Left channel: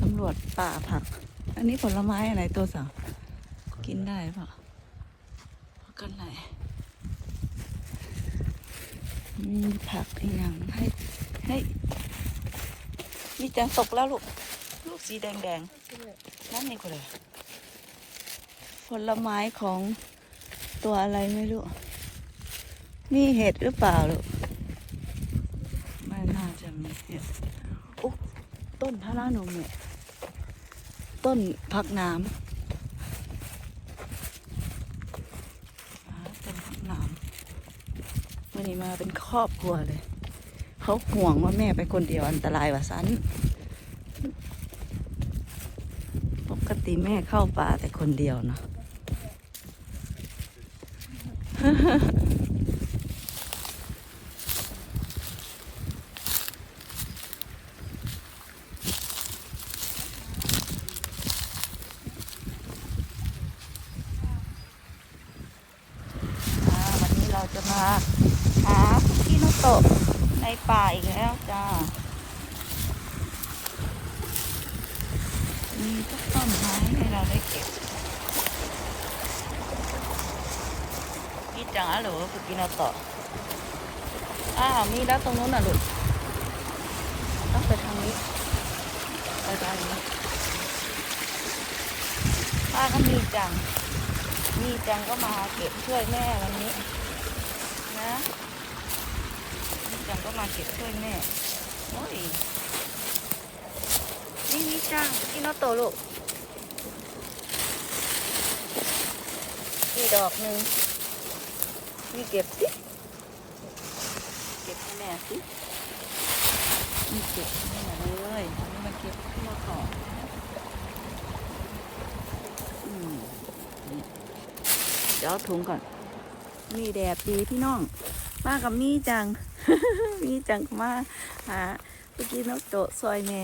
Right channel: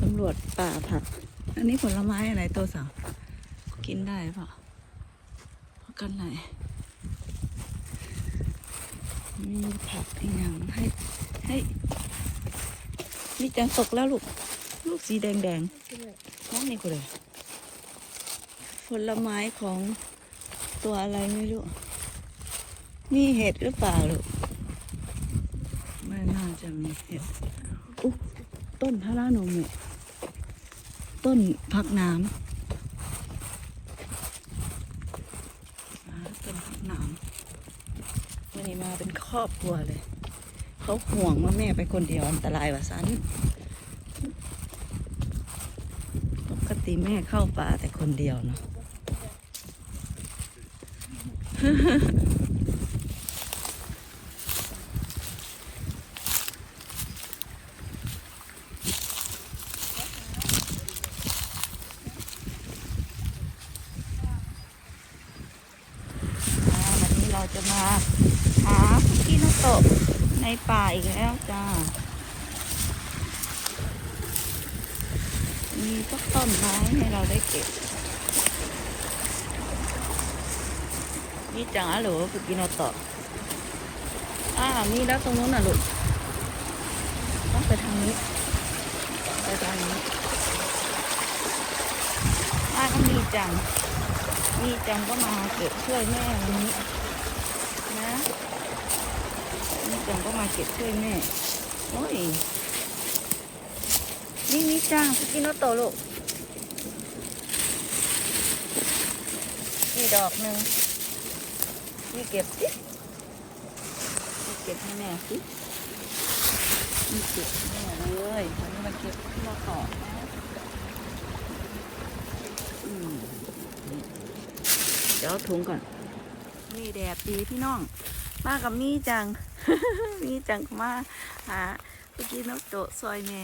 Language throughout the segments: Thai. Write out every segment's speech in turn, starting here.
สำรวจป่าผัก อันนี้ผลไม้อะไรตัวสาวกินได้ปะพักกันไหนมีผักอีกอย่างให้ให้นี่จังตกแล้วลูก ลูกสีแดงแดงนั่นนี่กูเลยผลไม้ของตัวอะไรไม่รู้นี่เห็ดหรือเปล่าลูกไม่น่าจะมีเห็ด พระรานุมีต้นพักน้ำต้นพักน้ำนี่มาเป็นครอบครัวเลย เขาห่วงว่าแม่ไปคนเดียวอันตรายว่าสันปกติแม่เข้าป่าแต่คนเดียวนะ อ่าวันนี้เราจะมาหาพิกินุโตะในป่าอีกแล้วจ้า มีสักต้นไม้ให้เราได้เก็บนี่จ๋าหรือว่าพิกินุโตะอ่ามีแล้วตรงนู้นน่ะลูก ต้องไปทางนี้ ไปทางนี้ป้าก็มีจังนี่จังก็มาเก็บช่วยแม่วันนี้ นะ นี่จังก็มาเก็บช่วยแม่ โอ้ย นี่นี่จังกินโนโตลูกนี่ดอกหนึ่งนี่เก็บสินี่เก็บให้แม่สินี่เก็บให้แม่เลยวันนี้มาเก็บที่เราต่อนะอืมเดี๋ยวเอาถุงก่อนมีแดดดีพี่น้อง มากับมี่จัง มีจังก็มาหาพี่กี้นกโตะซอยแม่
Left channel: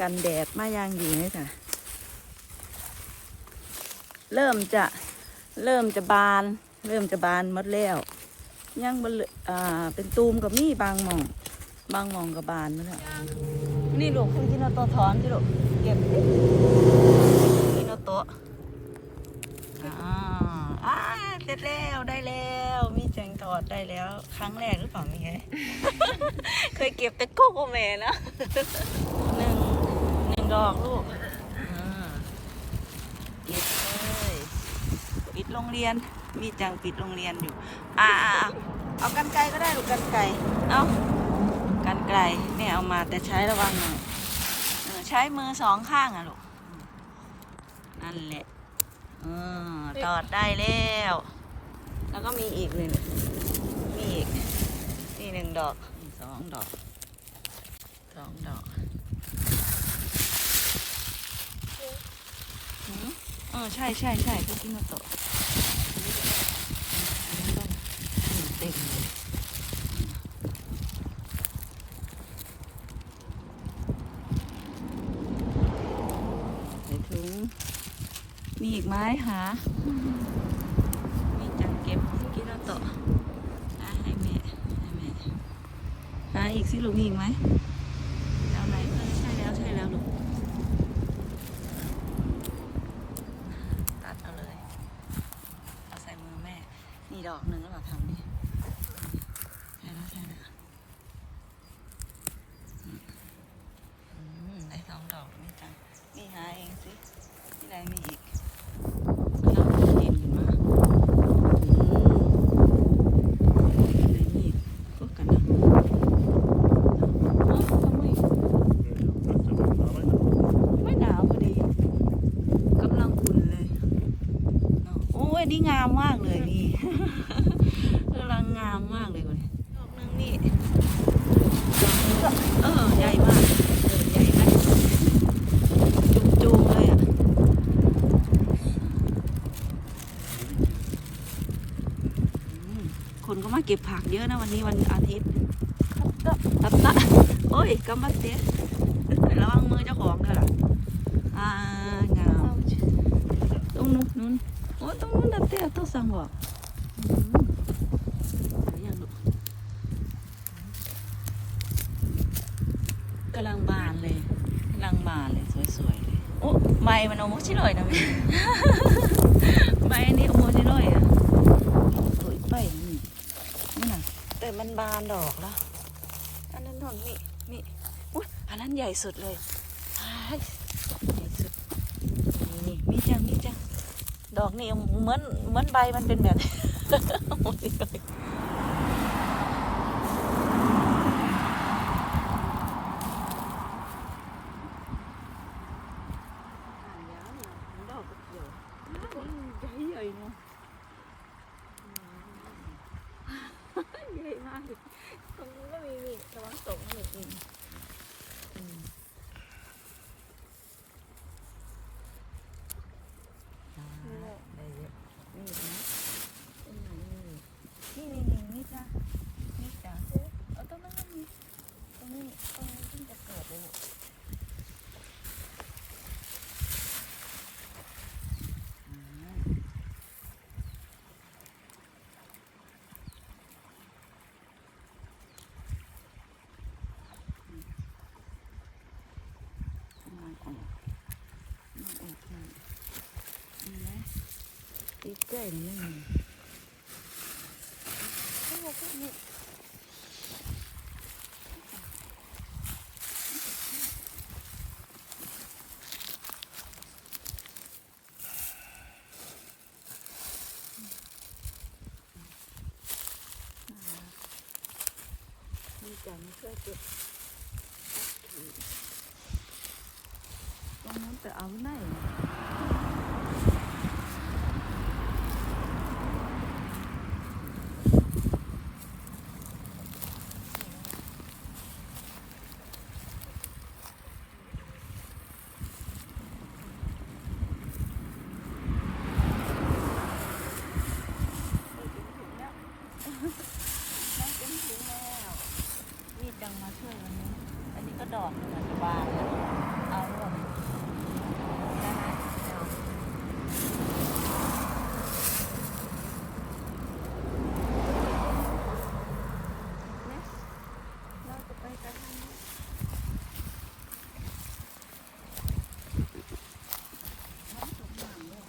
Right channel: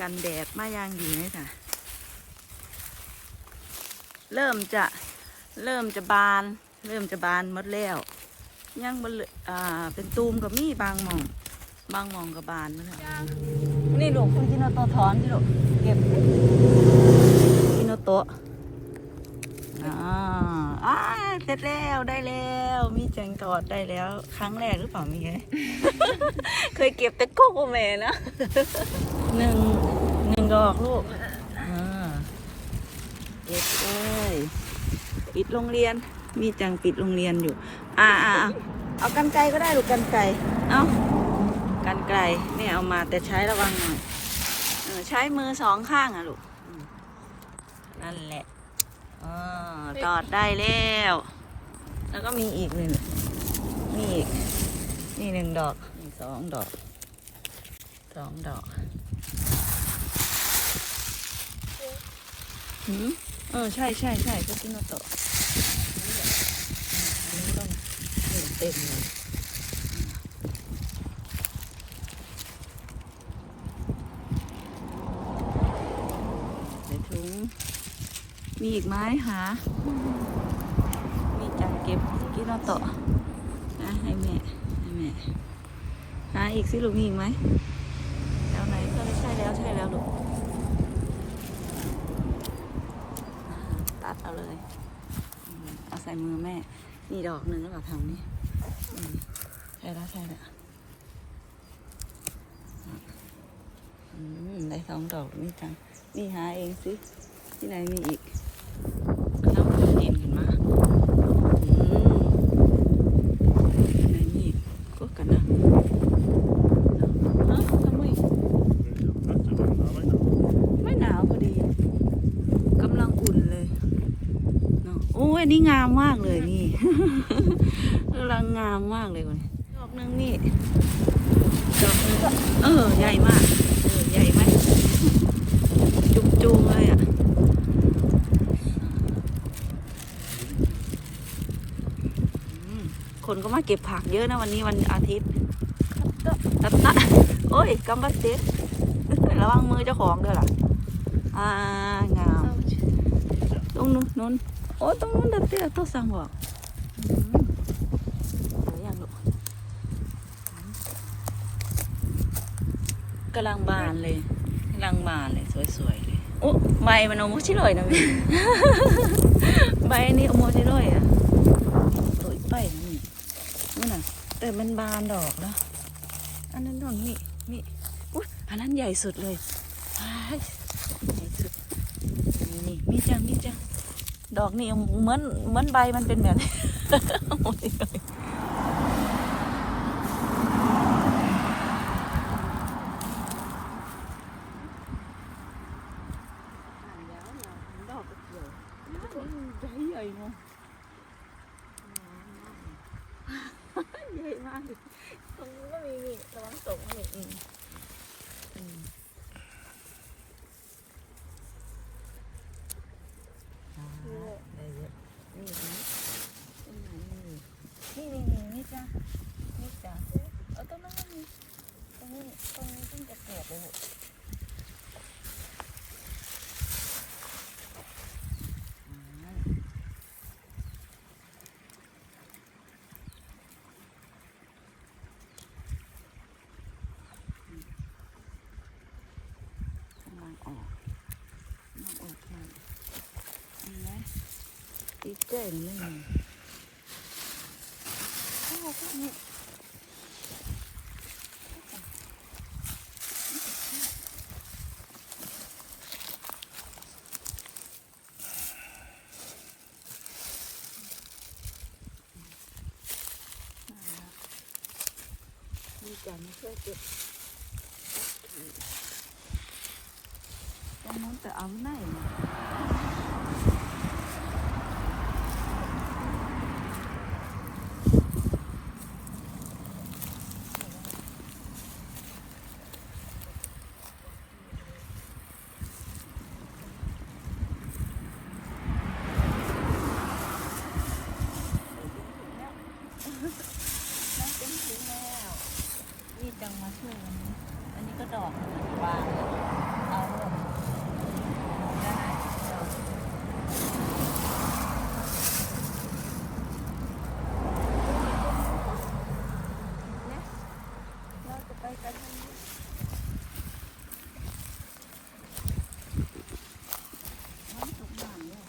กันแดดมาอย่างดีเลยจ้ะเริ่มจะเริ่มจะบาน เริ่มจะบานหมดแล้วยังบเหลืออ่าเป็นตูมกับมีบางหมอง บางหมองกับบานมาแล้วนี่ลูกคุณกินเอาตัวถอนที่ลูกเก็บกินเอาตัว อ่าอ่าเสร็จแล้วได้แล้ว มีจังทอดได้แล้ว ครั้งแรกหรือเปล่ามีไง เคยเก็บแต่โกโกเมนะหนึ่งหนึ่งดอกลูกอ่าเก็บเลยปิดโรงเรียน มีจังปิดโรงเรียนอยู่ อ่าอ่าอ่าเอากันไกลก็ได้หรือกันไกลเอากันไกลแม่เอามาแต่ใช้ระวังหน่อยเออใช้มือสองข้างอะลูกอืมนั่นแหละ อ่าตอดได้แล้ว แล้วก็มีอีกหนึ่งมีอีกนี่หนึ่งดอกนี่สองดอกสองดอกหืมเออใช่ใช่ใช่ก็ขึ้นมาโตะนี่เต็มเลยใส่ถุง มีอีกไหมหามีจังเก็บกินเราต่ออะให้แม่ให้แม่หาอีกสิลูกมีอีกไหมแล้วไหนก็ได้ใช่แล้วใช่แล้วลูกตัดเอาเลยเอาใส่มือแม่ มีดอกหนึ่งแล้วเหรอทางนี้ใช่แล้วใช่แล้วได้สองดอกนี่จังนี่หาเองสิที่ไหนมีอีกแล้วมันเห็นขึ้นมาอืมไหนมีอีกก็กันนะฮะทำไมไม่หนาวพอดีกำลังอุ่นเลยเนาะโอ้ย นี่งามมากเลยนี่กำลังงามมากเลยคนดอกนึงนี่ดอกนึงเออใหญ่มากเออใหญ่ไหมจุ่มๆเลยอะคนก็มาเก็บผักเยอะนะวันนี้วันอาทิตย์ตัดตะโอ้ยกำบัดเตะระวังมือเจ้าของด้วยล่ะ อ่างามตรงนู้นนู้น โอ้ตรงนู้นดับเตะต้องสั่งบอกอืมเอาอย่างลูกกำลังบานเลยกำนั่งมาเลยสวยๆเลยโอ้ใบมันโอโมชิโร่นะพี่ใบอันนี้โอโมชิโร่อะสวยไปนะนี่นี่น่ะแต่มันบานดอกแล้วอันนั้นดอกนี่นี่อุ๊ยอันนั้นใหญ่สุดเลยอ่านี่นี่จ้ะนี่จ้ะ ดอกนี่เหมือนเหมือนใบมันเป็นแบบใหญ่มากตรงนู้นก็มีนี่ระวังตกนี่ะนี่อืมอืมได้เยอะนี่นะเป็นไหนนี่นี่มีนี่จ้ะนี่จ้ะเอาตรงนั้นก็มีตรงนี้ตรงนี้เพิ่งจะเกิดเลยลูก กำลังออกกำลังออกมานี่นะ ตีเก้นี่ไม่มีโอ้โหพวกนี้มีจานมาช่วยเก็บ ตรงนั้นแต่เอาไม่รีบจังมาช่วยวันนี้ อันนี้ก็ดอกหนึ่งอะบานละเอาเลยได้ไหมเดี๋ยวเราจะไปกันทางนี้น้ำตกต่างเลย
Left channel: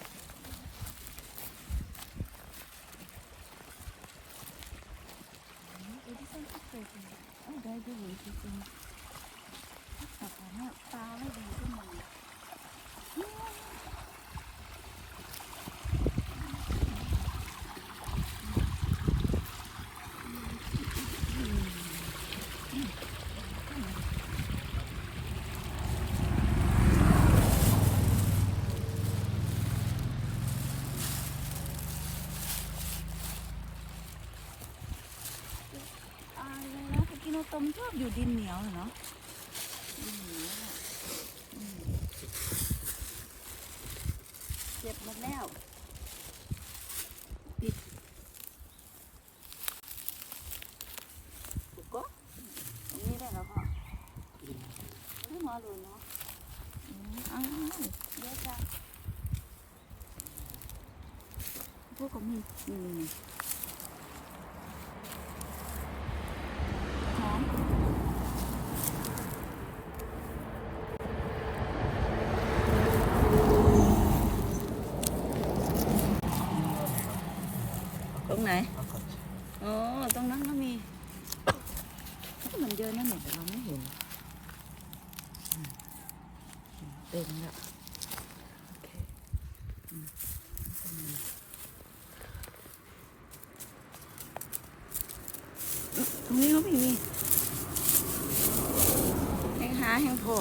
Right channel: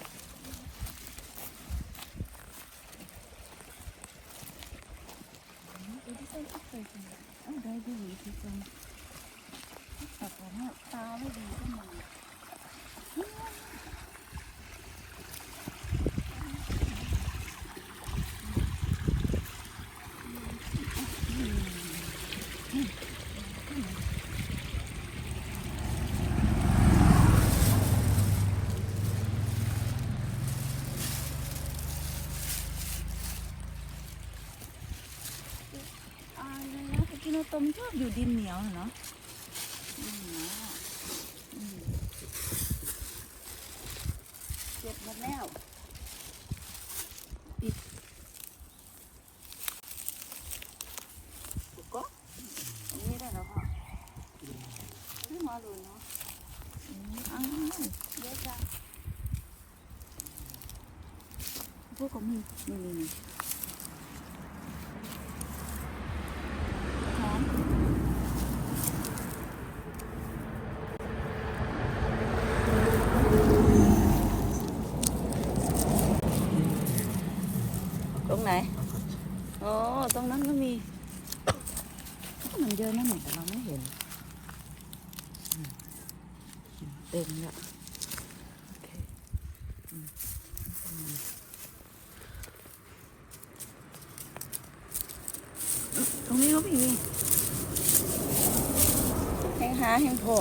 อืมดูที่ต้นที่เคยกินเอ้ยได้ดีที่ต้นแต่ตอนนี้ ตาไม่ดีขึ้นมาอ่าแล้วกิโนตมชอบอยู่ดินเหนียวน่ะเนาะดินเหนียวอะอืมเก็บหมด แล้วปิดก็ตรงนี้ได้แล้วค่ะไม่มาดูเนาะอังเยอะจังพวกของมึงนี่นี่นี่ หอมตรงไหน อ๋อ ตรงนั้นก็มีเหมือนเดิมนั่นแหละแต่เราไม่เห็นอืม เองละตรงนี้ก็มีเนี่ยแห้งหาแห้งพอ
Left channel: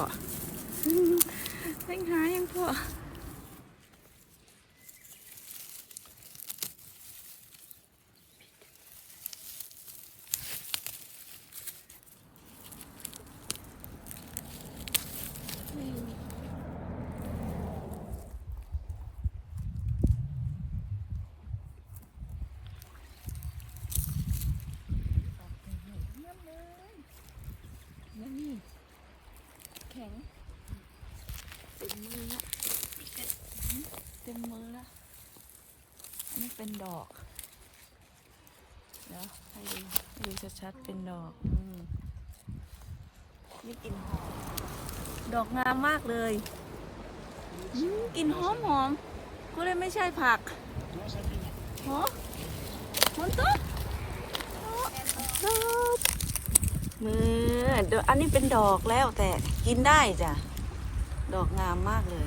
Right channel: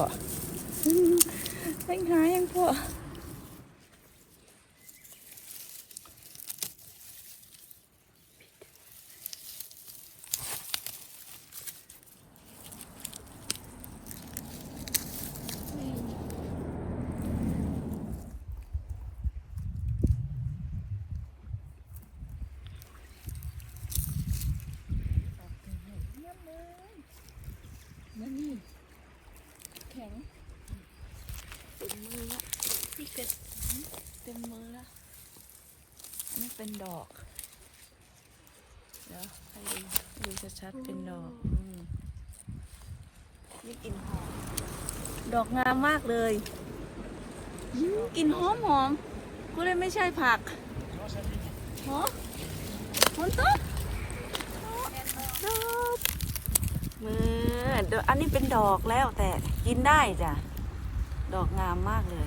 แห้งหาแห้งพอเยี่ยมเลย แล้วนี่แข็งเต็มมือละเต็มมือละนี่เป็นดอกเดี๋ยวให้ดูดูชัดๆเป็นดอกอืมนี่เป็นหอม ดอกงามมากเลยอืมกลิ่นหอมหอมกูเลยไม่ใช่ผักหอฝนตกดอก มือเดี๋ยวอันนี้เป็นดอกแล้วแต่กินได้จ้ะ ดอกงามมากเลย